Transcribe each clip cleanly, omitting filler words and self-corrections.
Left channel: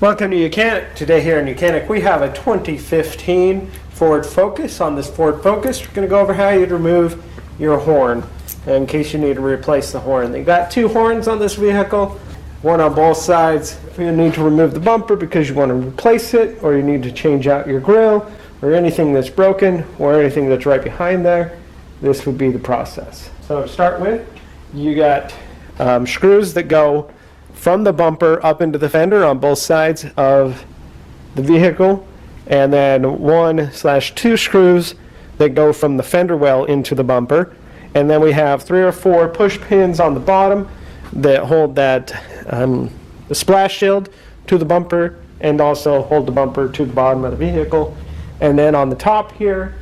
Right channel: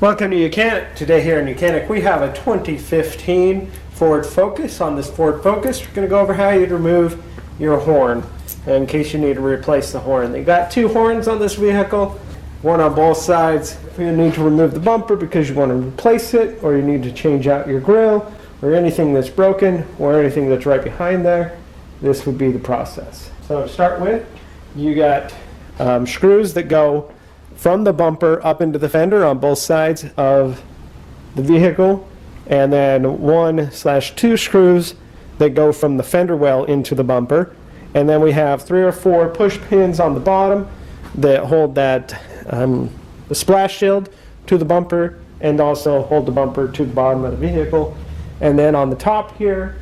Welcome to YOUCANIC. Today here in YOUCANIC we have a 2015 Ford Focus. On this Ford Focus we're going to go over how you'd remove your horn in case you need to replace the horn. They've got two horns on this vehicle, one on both sides. You need to remove the bumper because you want to replace it, or you need to change out your grille, or anything that's broken, or anything that's right behind there. This would be the process. So to start with, you got screws that go from the bumper up into the fender on both sides of the vehicle, and then 1/2 screws that go from the fender well into the bumper, and then we have 3 or 4 push pins on the bottom that hold that the splash shield to the bumper and also hold the bumper to the bottom of the vehicle. And then on the top here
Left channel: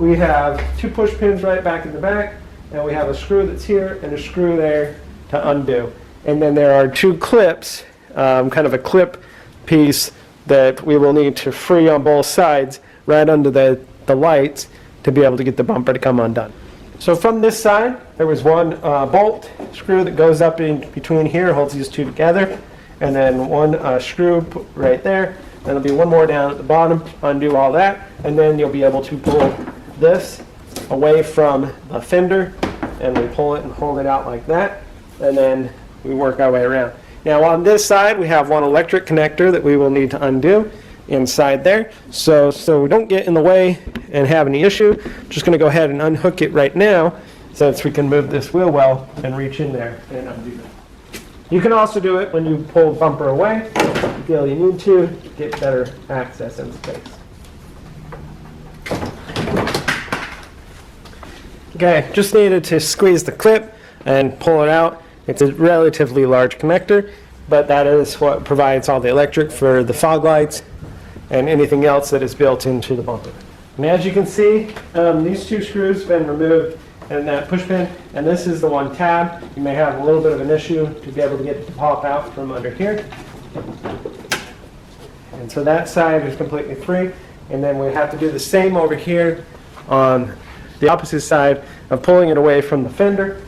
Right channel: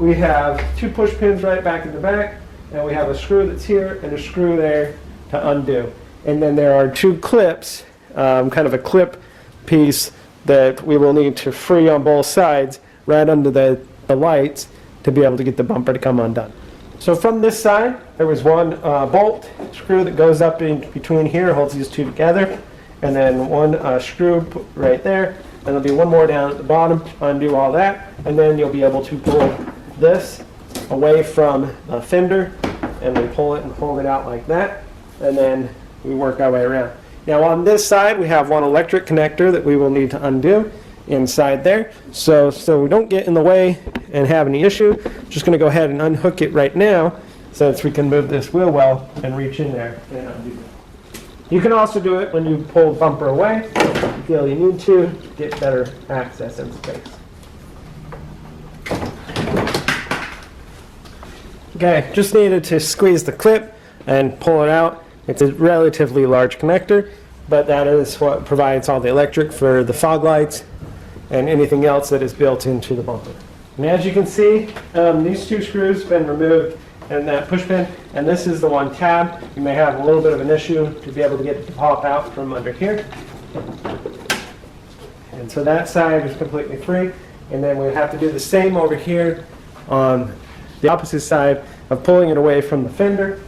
we have 2 push pins right back in the back, and we have a screw that's here and a screw there to undo. And then there are 2 clips, kind of a clip piece that we will need to free on both sides right under the lights to be able to get the bumper to come undone. So from this side, there was one bolt screw that goes up in between here, holds these 2 together, and then one screw put right there. There'll be one more down at the bottom, undo all that, and then you'll be able to pull this away from a fender, and then pull it and hold it out like that, and then we work our way around. Now on this side we have one electric connector that we will need to undo inside there. So we don't get in the way and have any issue, just going to go ahead and unhook it right now since we can move this wheel well and reach in there and undo that. You can also do it when you pull the bumper away if you feel you need to get better access in the case. Okay, just needed to squeeze the clip and pull it out. It's a relatively large connector, but that is what provides all the electric for the fog lights and anything else that is built into the bumper. And as you can see, these 2 screws have been removed and that push pin, and this is the one tab. You may have a little bit of an issue to be able to get it to pop out from under here. And so that side is completely free, and then we have to do the same over here on the opposite side of pulling it away from the fender.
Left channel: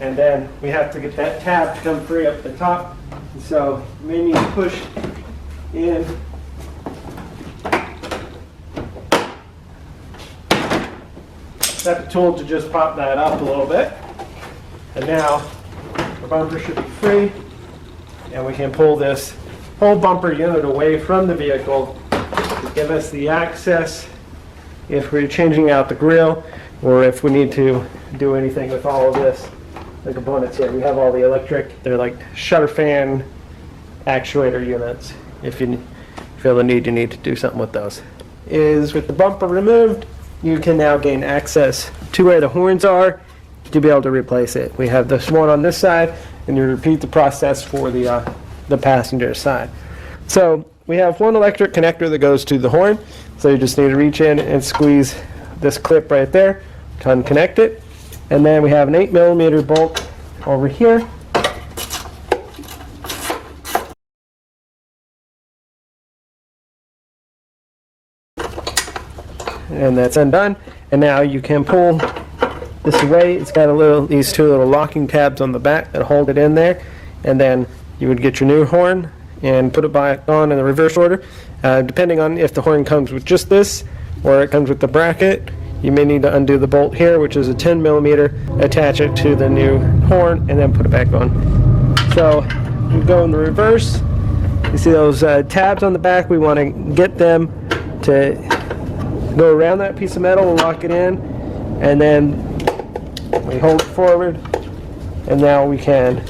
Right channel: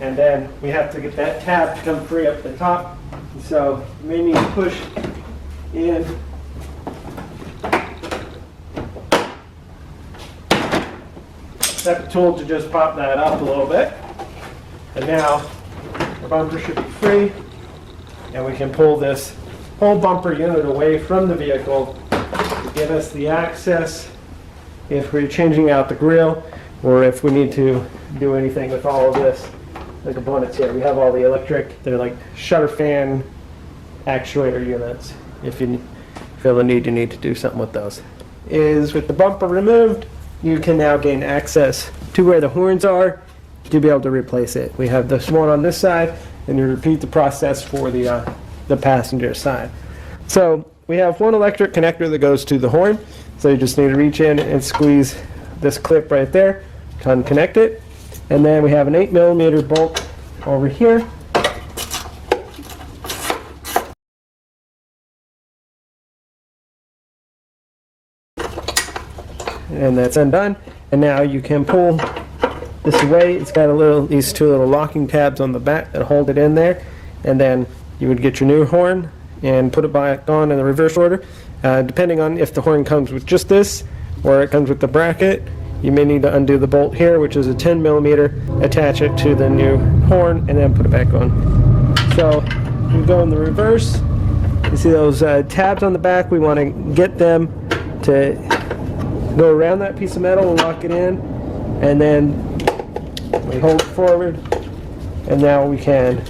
And then we have to get that tab to come free up the top. So you may need to push in. Set the tool to just pop that up a little bit. And now the bumper should be free. And we can pull this whole bumper unit away from the vehicle to give us the access if we're changing out the grille, or if we need to do anything with all of this. The components here, we have all the electric, they're like shutter fan actuator units if you feel the need to do something with those. Is with the bumper removed, you can now gain access to where the horns are to be able to replace it. We have this one on this side, and you repeat the process for the passenger side. So we have one electric connector that goes to the horn, so you just need to reach in and squeeze this clip right there to unconnect it. And then we have an 8mm bolt over here. And that's undone. And now you can pull this away. It's got these 2 little locking tabs on the back that hold it in there. And then you would get your new horn and put it back on in the reverse order. Depending on if the horn comes with just this or it comes with the bracket, you may need to undo the bolt here, which is a 10mm, attach it to the new horn, and then put it back on. So we go in the reverse. You see those tabs on the back? We want to get them to go around that piece of metal and lock it in, and then we hold it forward, and now we can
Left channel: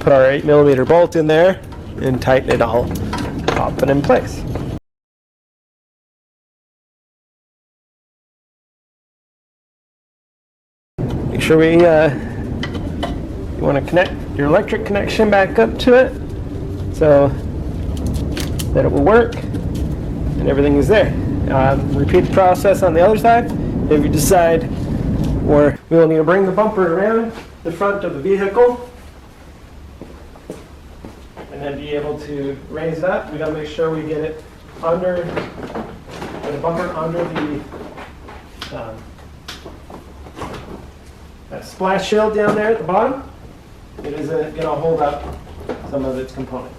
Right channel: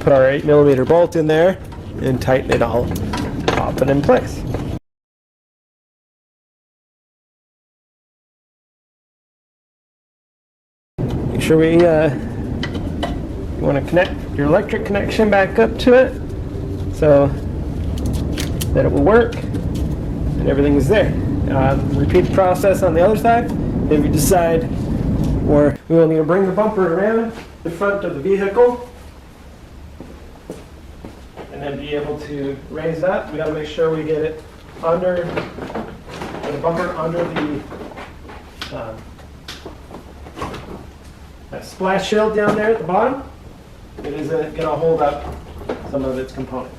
put our 8mm bolt in there and tighten it all up and in place. Make sure you want to connect your electric connection back up to it so that it will work and everything is there. Repeat the process on the other side. If you decide, or we will need to bring the bumper around the front of the vehicle and then be able to raise up. We got to make sure we get it under the bumper, under the that splash shield down there at the bottom. it isn't going to hold up some of its components.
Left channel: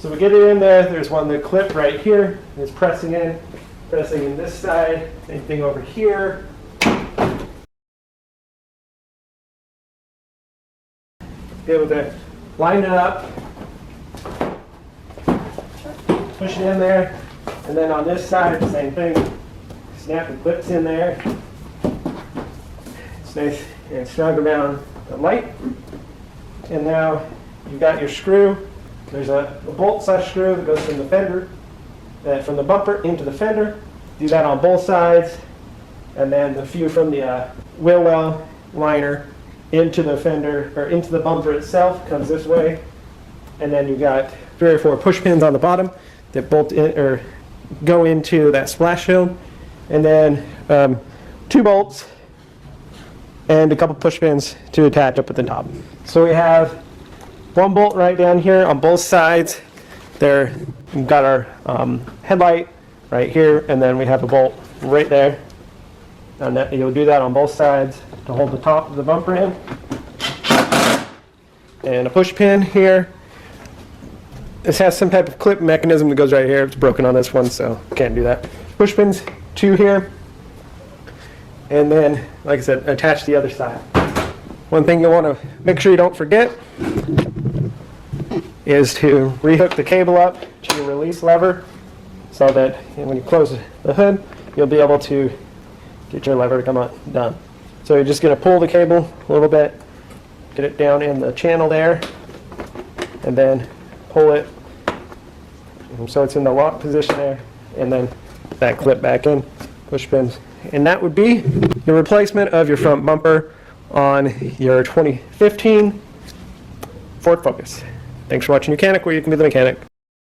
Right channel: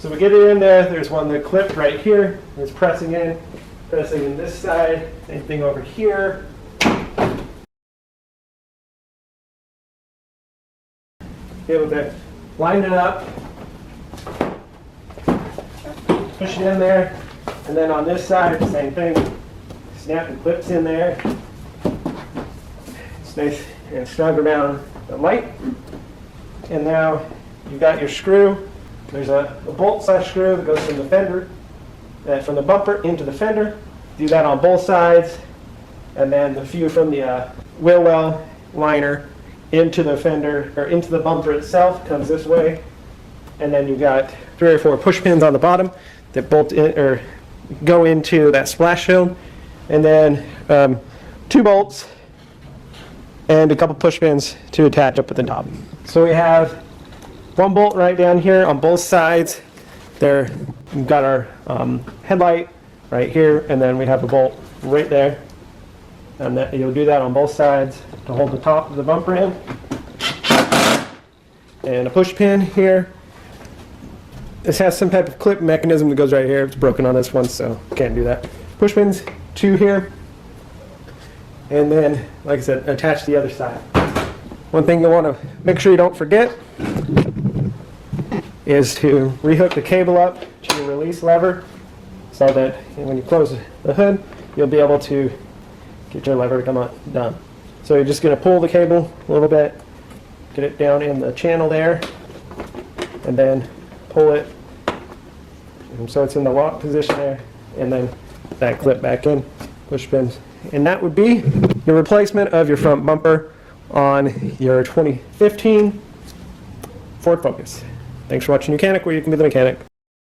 So we get it in there. There's one that clipped right here. It's pressing in this side. Same thing over here. Able to line it up, push it in there, and then on this side, same thing. Snap the clips in there. Stay and snug around the light. And now you've got your screw. There's a bolt/screw that goes from the fender, from the bumper into the fender. Do that on both sides, and then the few from the wheel well liner into the fender or into the bumper itself comes this way, and then you've got 3 or 4 push pins on the bottom that bolt in, or go into that splash shield, and then 2 bolts and a couple push pins to attach up at the top. So we have 1 bolt right down here on both sides. There, we've got our headlight right here, and then we have a bolt right there. And that, you'll do that on both sides to hold the top of the bumper in. And a push pin here. This has some type of clip mechanism that goes right here. It's broken on this one, so can't do that. Push pins, 2 here. And then, like I said, attach the other side. One thing you'll want to make sure you don't forget is to rehook the cable up to your release lever so that when you close the hood, you'll be able to get your lever to come down. So you're just going to pull the cable a little bit, get it down in the channel there, and then pull it so it's in the lock position there, and then that clip back in, push pins. And that would be your replacement of your front bumper on your 2015 Ford Focus. Thanks for watching YOUCANIC, where you can be the mechanic.